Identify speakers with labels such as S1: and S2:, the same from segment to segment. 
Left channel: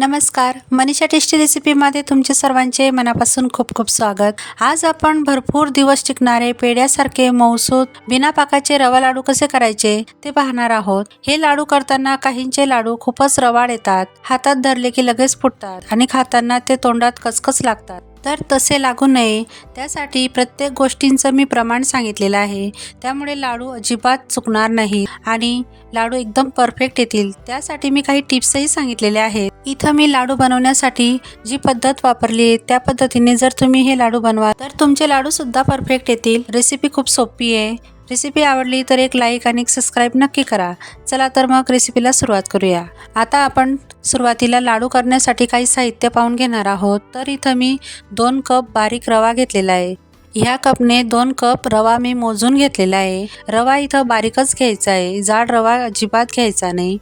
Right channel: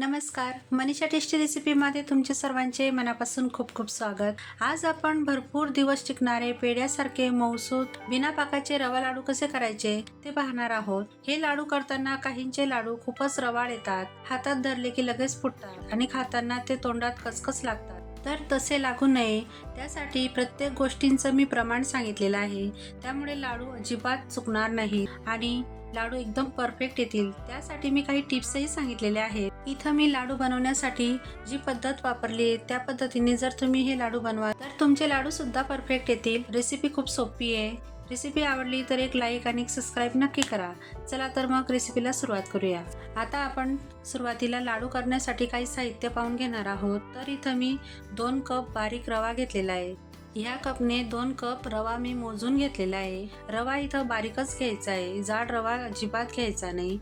S1: नमस्कार. मनीषा टेस्टी रेसिपीमध्ये तुमचे सर्वांचे मनापासून खूप खूप स्वागत. आज आपण भरपूर दिवस टिकणारे पेड्यासारखे मौसूद बिना पाकाचे रवा लाडू कसे करायचे ते पाहणार आहोत. हे लाडू करताना काहींचे लाडू खूपच रवाळ येतात. हातात धरले की लगेच फुटतात आणि खाताना ते तोंडात कचकच लागतात. तर तसे लागू नये. त्यासाठी प्रत्येक गोष्टींचं मी प्रमाण सांगितलेलं आहे. त्यामुळे लाडू अजिबात चुकणार नाही आणि लाडू एकदम परफेक्ट येतील. त्यासाठी मी काही टिप्सही सांगितलेल्या आहेत. इथं मी लाडू बनवण्यासाठी जी पद्धत वापरली आहे त्या पद्धतीने जर तुम्ही हे लाडू बनवा तर तुमचे लाडू सुद्धा परफेक्ट येतील. रेसिपी खूप सोपी आहे. रेसिपी आवडली तर एक लाईक आणि सबस्क्राईब नक्की करा. चला तर मग रेसिपीला सुरुवात करूया. आता आपण सुरुवातीला लाडू करण्यासाठी काही साहित्य पाहून घेणार आहोत. तर इथं मी दोन कप बारीक रवा घेतलेला आहे. ह्या कपने दोन कप रवा मी मोजून घेतलेला आहे. रवा इथं बारीकच घ्यायचा आहे. जाड रवा अजिबात घ्यायचा नाही.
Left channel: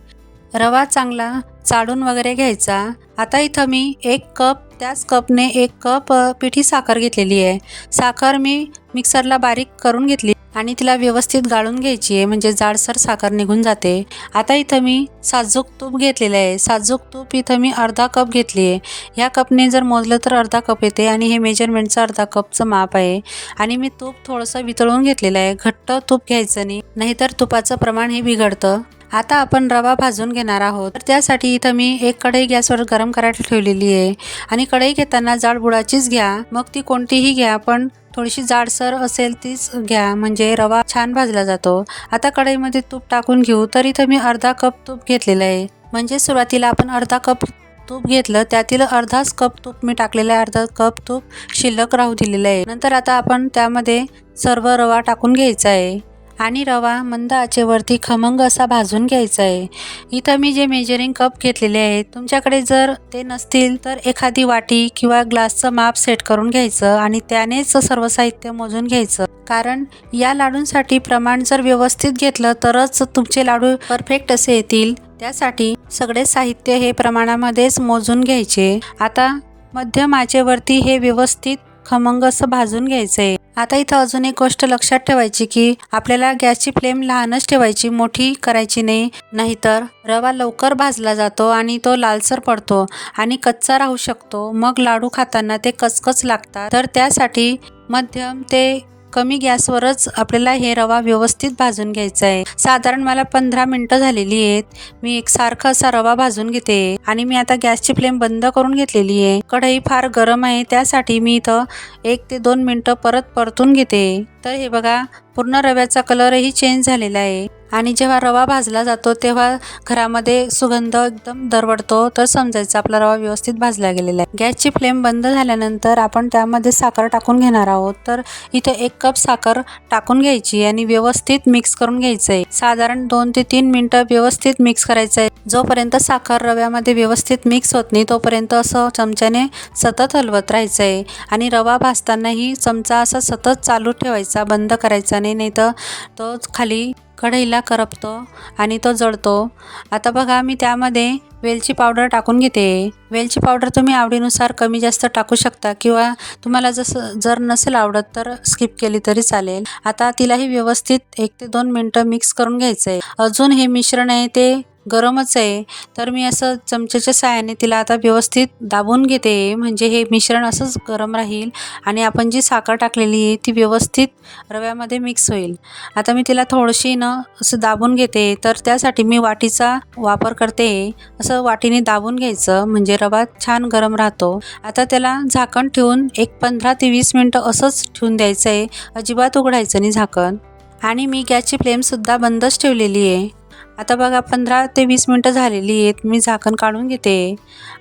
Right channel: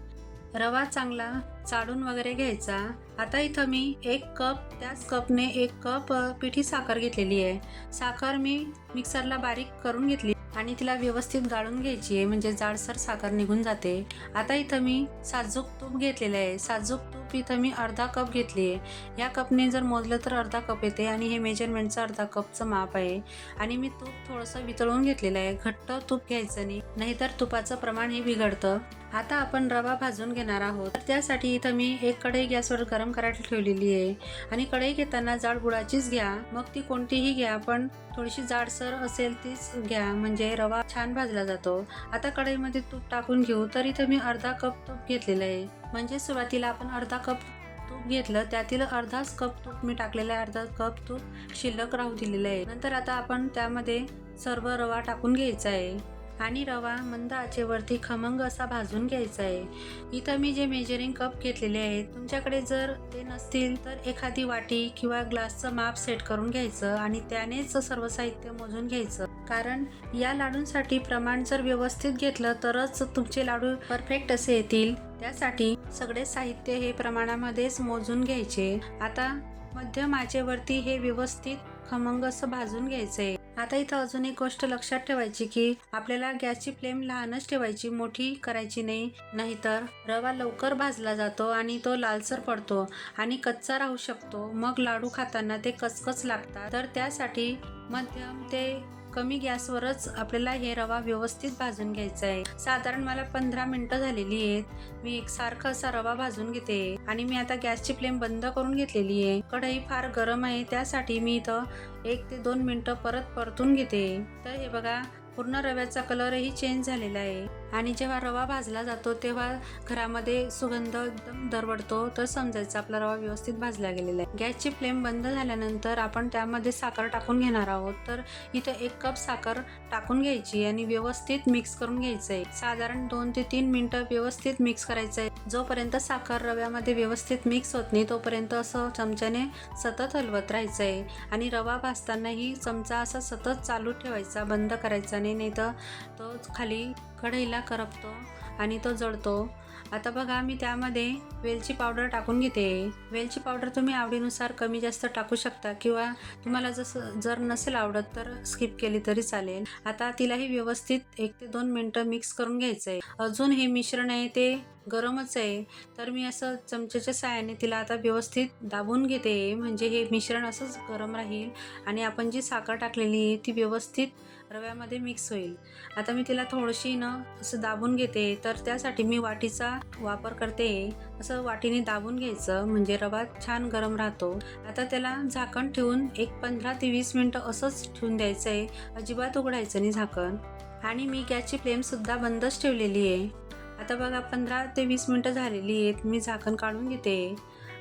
S1: रवा चांगला चाळून वगैरे घ्यायचा. आता इथं मी एक कप त्याच कपने एक कप पिठी साखर घेतलेली आहे. साखर मी मिक्सरला बारीक करून घेतली आणि तिला व्यवस्थित गाळून घ्यायची आहे म्हणजे जाडसर साखर निघून जाते. आता इथं मी साजूक तूप घेतलेलं आहे. साजूक तूप इथं मी अर्धा कप घेतली आहे. ह्या कपने जर मोजलं तर अर्धा कप येते आणि हे मेजरमेंटचं अर्धा कपचं माप आहे. आणि मी तूप थोडंसं वितळून घेतलेलं आहे. घट्ट तूप घ्यायचं नाही नाहीतर तुपाचं प्रमाण हे बिघडतं. आता आपण रवा भाजून घेणार आहोत. तर त्यासाठी इथं मी एक कढई गॅसवर गरम करायला ठेवलेली आहे. आणि कढई घेताना जाड बुडाचीच घ्या. मग ती कोणतीही घ्या पण थोडीशी जाडसर असेल तीच घ्या. म्हणजे रवा छान भाजला जातो. आता कढईमध्ये तूप टाकून घेऊ. तर इथं मी अर्धा कप तूप घेतलेलं आहे. म्हणजे सुरुवातीला आपण अर्धा कप तूप घेतलं. त्यातील अर्धाच कप तूप मी टाकलेलं आहे. अर्धा कप तूप शिल्लक राहू दिलेलं आहे. नंतर आता आपण त्यामध्ये सर्व रवा टाकून घ्यायचा आहे. आणि रवा मंद आचेवरती खमंग असा भाजून घ्यायचा आहे इथं मी जे मेजरिंग कप घेतलेले आहेत तुमच्याकडे जर ते नसतील तर एखादी वाटी किंवा ग्लासचं माप सेट करून घ्यायचं आणि त्यानेच सर्व साहित्य मोजून घ्यायचं. कारण या लाडूंसाठी प्रमाण जर व्यवस्थित घेतलं तरच तुमचे लाडू परफेक्ट असे येतील. त्यासाठी सगळे साहित्य हे प्रमाणामध्येच मोजून घ्यायचे. आता मध्यम आचेवरती हे व्यवस्थित खमंग असं भाजून घ्यायचं आहे आता इथं अजून एक गोष्ट लक्षात ठेवायची की आपल्याला गॅसची फ्लेम लहानच ठेवायची मोठी करायची नाही. नाहीतर रवा लवकर भाजला जातो आणि तो लालसर पडतो आणि कच्चा राहू शकतो. मग लाडू खाताना ते कचकच लागतात. तर त्यासाठी मध्यम ते कमी गॅसवरच आपल्याला हे रवा व्यवस्थित भाजून घ्यायचा आहे. साधारण मला पंधरा मिनटं झालेली आहेत. मी एक सारखा असा रवा भाजून घेते. आणि मी आता गॅसची फ्लेम बंद करून घेतलेली आहे. कढई फार गरम आहे त्यासाठी मी इथं एक ते दोन मिनटं परत परतून घेते. तर हे बघा पूर्ण रव्याचा कलरही चेंज झालेला आहे. आणि जेव्हा रवा भाजला जातो तेव्हा घरामध्ये सुगंध एकदम दरवडतो. तर समजायचं आपला रवा व्यवस्थित भाजला गेलेला आहे. गॅसची फ्लेम बंद झाल्यानंतर आपण त्यामध्ये साखर टाकून घेणार आहोत. तर इथे एक कप साखर टाकून घ्यायची आणि व्यवस्थित मिक्स करून घ्यायचं आहे साधारण दोन ते तीन मिनटं व्यवस्थित मिक्स करायचं आहे जोपर्यंत साखर रव्यामध्ये व्यवस्थित मिक्स होत नाही तोपर्यंत असं चमच्याने सतत हलवत राहायचं आहे आणि रवा भाजतानाही चमचा असा सतत चालू ठेवायचा बंद करायचा नाही नाही तर तो खाली कढईला करपतो आणि तो जळतो. आता बघा मी त्यामध्ये वेलची पावडर टाकून घेते. वेलची पावडर तुम्ही आवडीनुसार कमी जास्त टाकू शकता किंवा तुम्हाला जसं जर नसेल आवडत तर स्किप केली तरी चालेल. आता तिलाही व्यवस्थित एक ते दोन मिनटं मिक्स करून घ्यायचं आहे अजून हे मिश्रण आहे ते गरमच आहे. तर मी असं चमच्याच्या साहाय्याने तिला आता व्यवस्थित दाबून घेते. म्हणजे हे मिश्रण असंच गरम राहील आणि आपण जी साखर टाकलेली आहे ती व्यवस्थित रव्यामध्ये मिक्स होईल. आता मी तिला थोडीशी न असं दाबून घेते. तर त्यासाठी मी वाटीचा वापर करते. असं वाटीने दाबून घ्यायचं. म्हणजे रवा छान गरम राहतो. आता त्याला झाकण ठेवून एक पंधरा ते वीस मिनटं असंच ठेवून द्यायचं आहे अजिबात उघडायचं नाही झाकण. आणि मी गॅसची फ्लेमसुद्धा बंदच ठेवलेली आहे. आता बघा पंधरा ते वीस मिनटं झालेली आहेत. मी झाकण काढून घेते.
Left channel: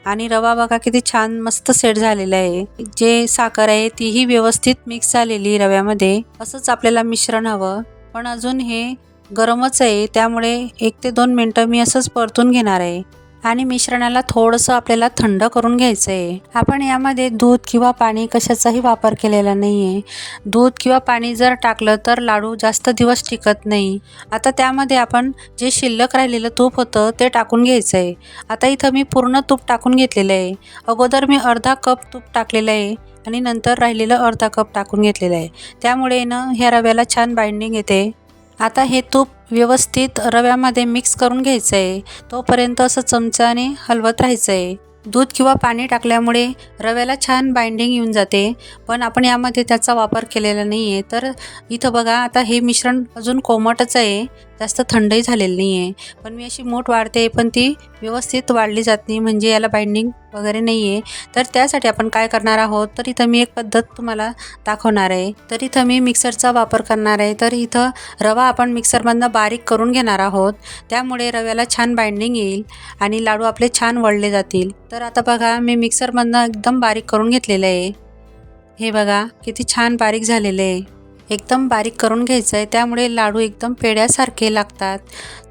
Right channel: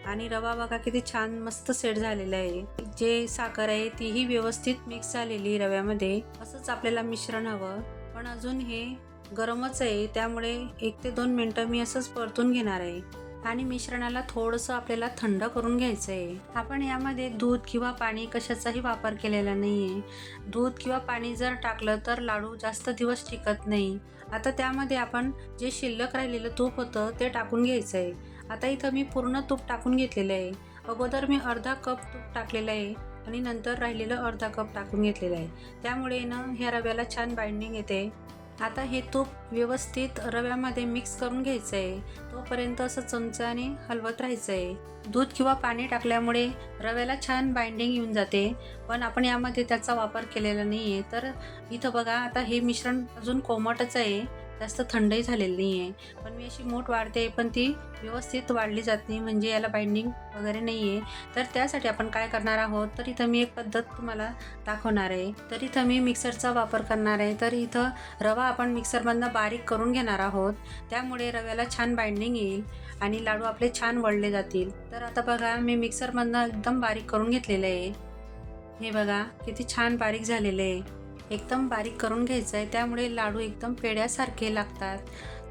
S1: आणि रवा बघा किती छान मस्त सेट झालेला आहे. जे साखर आहे तीही व्यवस्थित मिक्स झालेली रव्यामध्ये. असंच आपल्याला मिश्रण हवं. पण अजून हे गरमच आहे त्यामुळे एक ते दोन मिनटं मी असंच परतून घेणार आहे. आणि मिश्रणाला थोडंसं आपल्याला थंड करून घ्यायचं आहे आपण यामध्ये दूध किंवा पाणी कशाचाही वापर केलेला नाही आहे दूध किंवा पाणी जर टाकलं तर लाडू जास्त दिवस टिकत नाही. आता त्यामध्ये आपण जे शिल्लक राहिलेलं तूप होतं ते टाकून घ्यायचं आहे आता इथं मी पूर्ण तूप टाकून घेतलेलं आहे. अगोदर मी अर्धा कप तूप टाकलेलं आहे आणि नंतर राहिलेलं अर्धा कप टाकून घेतलेलं आहे. त्यामुळे ना ह्या रव्याला छान बाइंडिंग येते. आता हे तूप व्यवस्थित रव्यामध्ये मिक्स करून घ्यायचं आहे तोपर्यंत असं चमच्याने हलवत राहायचं आहे दूध किंवा पाणी टाकल्यामुळे रव्याला छान बाइंडिंग येऊन जाते. पण आपण यामध्ये त्याचा वापर केलेला नाही आहे तर इथं बघा आता हे मिश्रण अजून कोमटच आहे. जास्त थंडही झालेली नाही आहे पण मी अशी मोठ वाढते पण ती व्यवस्थित वाढली जात नाही म्हणजे याला बाइंडिंग वगैरे नाही आहे तर त्यासाठी आपण काय करणार आहोत? तर इथं मी एक पद्धत तुम्हाला दाखवणार आहे. तर इथं मी मिक्सरचा वापर करणार आहे. तर इथं रवा आपण मिक्सरमधनं बारीक करून घेणार आहोत. त्यामुळे रव्याला छान बाइंडिंग येईल आणि लाडू आपले छान वळले जातील. तर आता बघा मी मिक्सरमधनं एकदम बारीक करून घेतलेलं आहे. हे बघा किती छान बारीक झालेलं आहे. एकदम बारीक करून घ्यायचं आहे त्यामुळे लाडू एकदम पेड्यासारखे लागतात.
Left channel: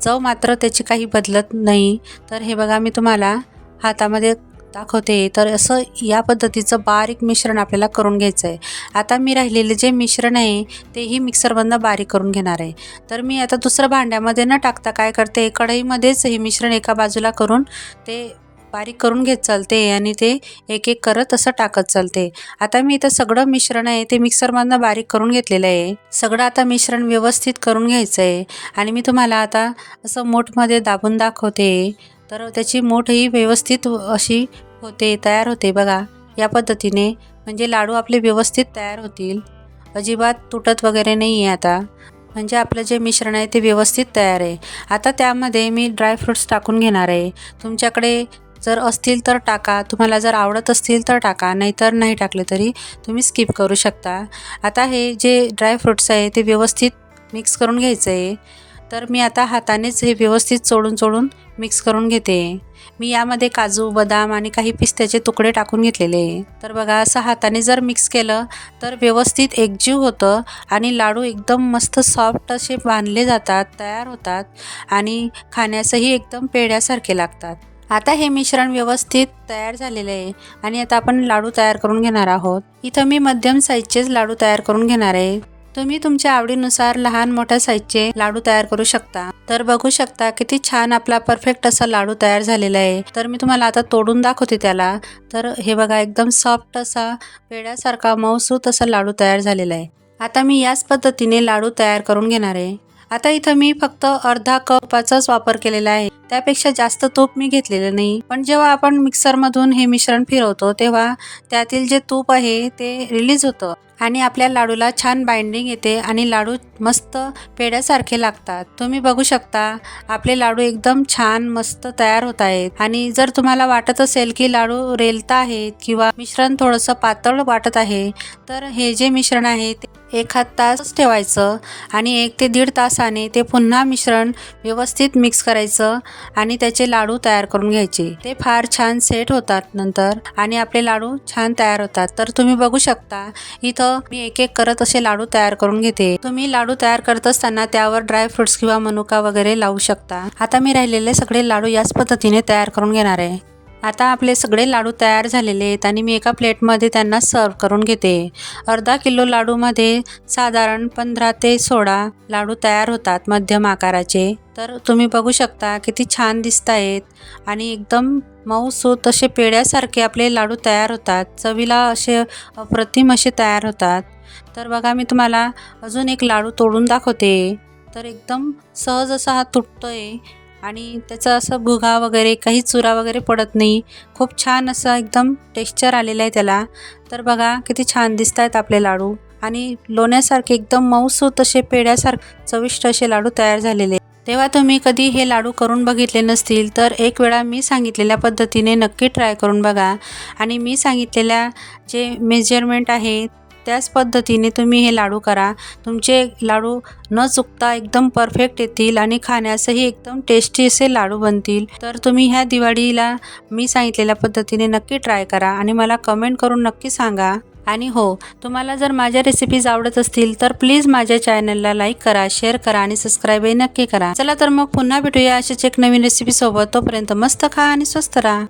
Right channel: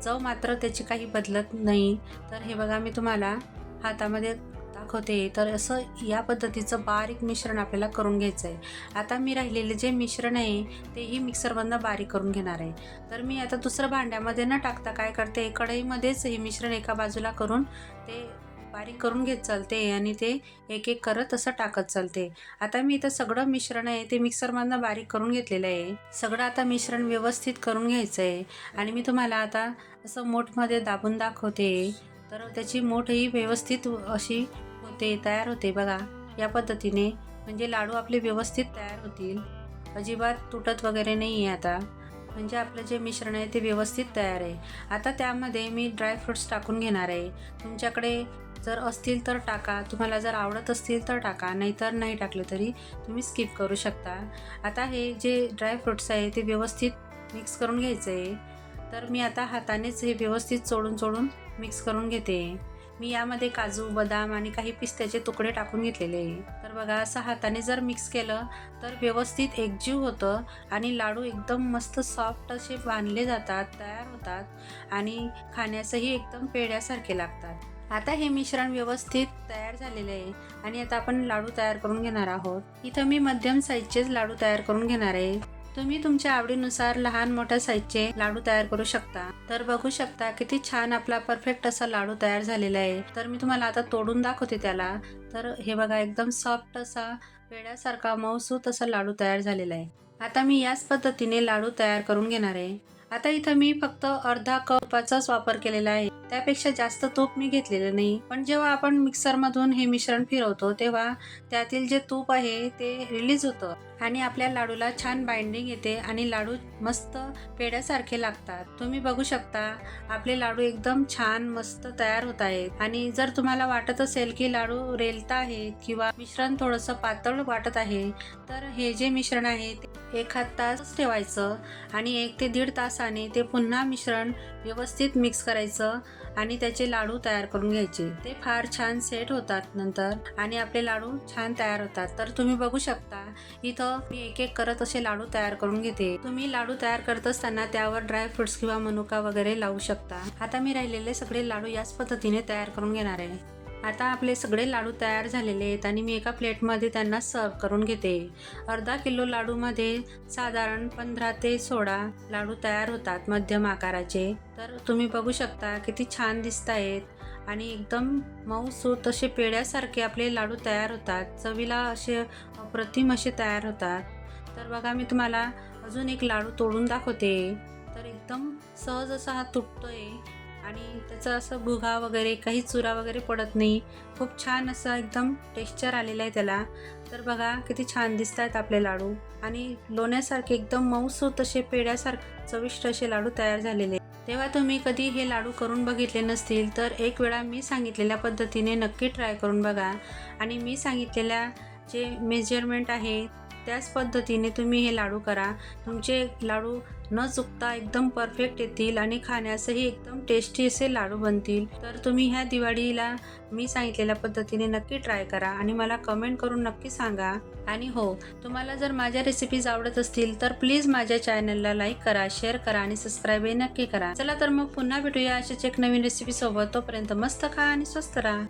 S1: चव मात्र त्याची काही बदलत नाही. तर हे बघा मी तुम्हाला हातामध्ये दाखवते. तर असं या पद्धतीचं बारीक मिश्रण आपल्याला करून घ्यायचं आहे आता मी राहिलेले जे मिश्रण आहे तेही मिक्सरमधनं बारीक करून घेणार आहे. तर मी आता दुसरं भांड्यामध्ये न टाकता काय करते कढईमध्येच हे मिश्रण एका बाजूला करून ते बारीक करून घेत चालते आणि ते एक एक करत असं टाकत चालते. आता मी इथं सगळं मिश्रण आहे ते मिक्सरमधनं बारीक करून घेतलेलं आहे. सगळं आता मिश्रण व्यवस्थित करून घ्यायचं आहे आणि मी तुम्हाला आता असं मोठमध्ये दाबून दाखवते. तर त्याची मोठ ही व्यवस्थित अशी होते तयार होते बघा. या पद्धतीने म्हणजे लाडू आपले व्यवस्थित तयार होतील. अजिबात तुटत वगैरे नाही आहे आता. म्हणजे आपलं जे मिश्रण आहे ते व्यवस्थित तयार आहे. आता त्यामध्ये मी ड्रायफ्रुट्स टाकून घेणार आहे. तुमच्याकडे जर असतील तर टाका. तुम्हाला जर आवडत असतील तर टाका. नाहीतर नाही टाकले तरी तुम्ही स्किप करू शकता. आता हे जे ड्रायफ्रुट्स आहे ते व्यवस्थित मिक्स करून घ्यायचं आहे तर मी आता हातानेच हे व्यवस्थित चोळून चोळून मिक्स करून घेते. मी यामध्ये काजू बदाम आणि काही पिस्त्याचे तुकडे टाकून घेतलेले. तर बघा असं हाताने जर मिक्स केलं तर व्यवस्थित एकजीव होतं आणि लाडू एकदम मस्त सॉफ्ट असे बांधले जातात तयार होतात आणि खाण्यासही एकदम पेढ्यासारखे लागतात. आता हे मिश्रण व्यवस्थित तयार झालेले आहे आणि आता आपण लाडू तयार करून घेणार आहोत. इथं मी मध्यम साईजचेच लाडू तयार करून घेणार आहे. तुम्ही तुमच्या आवडीनुसार लहान मोठ्या साईजचे लाडू तयार करू शकता. तर बघू शकता किती छान आपला परफेक्ट असा लाडू तयार झालेला आहे. तर मी तुम्हाला आता तोडून दाखवते त्याला. तर हे बघा एकदम सॉफ्ट असा पेड्यासारखा मऊसूत असा लाडू तयार झालेला आहे. आता मी याच पद्धतीने लाडू तयार करून घेणार आहे. आता इथं मी फक्त अर्धा कपाचाच वापर केलेला आहे. त्यापेक्षा जास्त तूप मी घेतलेलं नाही. पण जेव्हा आपण मिक्सरमधून हे मिश्रण फिरवतो तेव्हा त्यातील जे तूप आहे ते रिलीज होतं आणि आपल्या लाडूला छान बाइंडिंग येते आणि लाडू मस्त पेड्यासारखे लागतात. तुम्ही बघू शकता आपले लाडू एकदम छान मस्त तयार होत आहेत. आणि जर तुम्हाला वाटत असेल की लाडू रेलता आहेत किंवा मिश्रण थोडंसं पातळ वाटत आहे तर हे जे मिश्रण आहे ते एखाद तास ठेवायचं आणि एक ते दीड तासाने ते पुन्हा मिश्रण व्यवस्थित मिक्स करायचं आणि त्याचे लाडू तयार करून घ्यायचे. ते फार छान सेट होतात नंतर आणि आपले लाडू छान तयार होतात. तर तुम्ही बघू शकता इथं मी एक एक करत असे लाडू तयार करून घेते. तुम्ही लाडू तयार करत असताना त्यावर ड्राय फ्रुट्स किंवा मनुका वगैरे लावू शकता. आता मी राहिलेले सगळे लाडू याच पद्धतीने तयार करून घेणार आहे. आता आपले सगळे लाडू तयार झालेले आहेत आणि मी एका प्लेटमध्ये त्यांना सर्व करून घेते. अर्धा किलो लाडूमध्ये साधारण पंधरा ते सोळा लाडू तयार होतात मध्यम आकाराचे. तर तुम्ही बघू शकता किती छान दिसत आहेत आणि एकदम मऊसूत असे पेड्यासारखे आपले लाडू तयार होतात. चवीला असे अप्रतिम असे तयार होतात. तर बघा मी तुम्हाला अजून एक लाडू तोडून दाखवते. तर एकदम सहज असा हा तुटतो आहे आणि त्याचं असं भुगा वगैरे काही चुरा वगैरे पडत नाही. खूप छान असं एकदम टेक्स्चर आलेलं आहे त्याला. तर बघा किती छान दिसत आहेत आपले लाडू. आणि लोण्यासारखे एकदम मऊसूत असे पेड्यासारखे चविष्ट असे लाडू तयार झालेले तेव्हा तुम्ही कधी हे लाडू करून बघितले नसतील तर एक वेळा मी सांगितलेल्या पद्धतीने नक्की ट्राय करून बघा. आणि मी सांगितलेल्या जे मेजरमेंट आहे त्याच पद्धतीने तुम्ही हे लाडू करा. तुमचे लाडू न चुकता एकदम परफेक्ट येतील आणि खाण्यासही एकदम टेस्टी असे लाडू बनतील. तर तुम्ही ह्या दिवाळीला मी सांगितलेल्या पद्धतीने नक्की ट्राय करा आणि मला कमेंट करून नक्की सांगा. आणि हो तुम्हाला जर माझ्या रेसिपीज आवडत असतील तर प्लीज माझ्या चॅनलला लाईक करा शेअर करा आणि सबस्क्राईबही नक्की करा. चला तर मग पुन्हा भेटूया अशाच एक नवीन रेसिपीसोबत तोपर्यंत मस्त खा आणि स्वस्त राहा.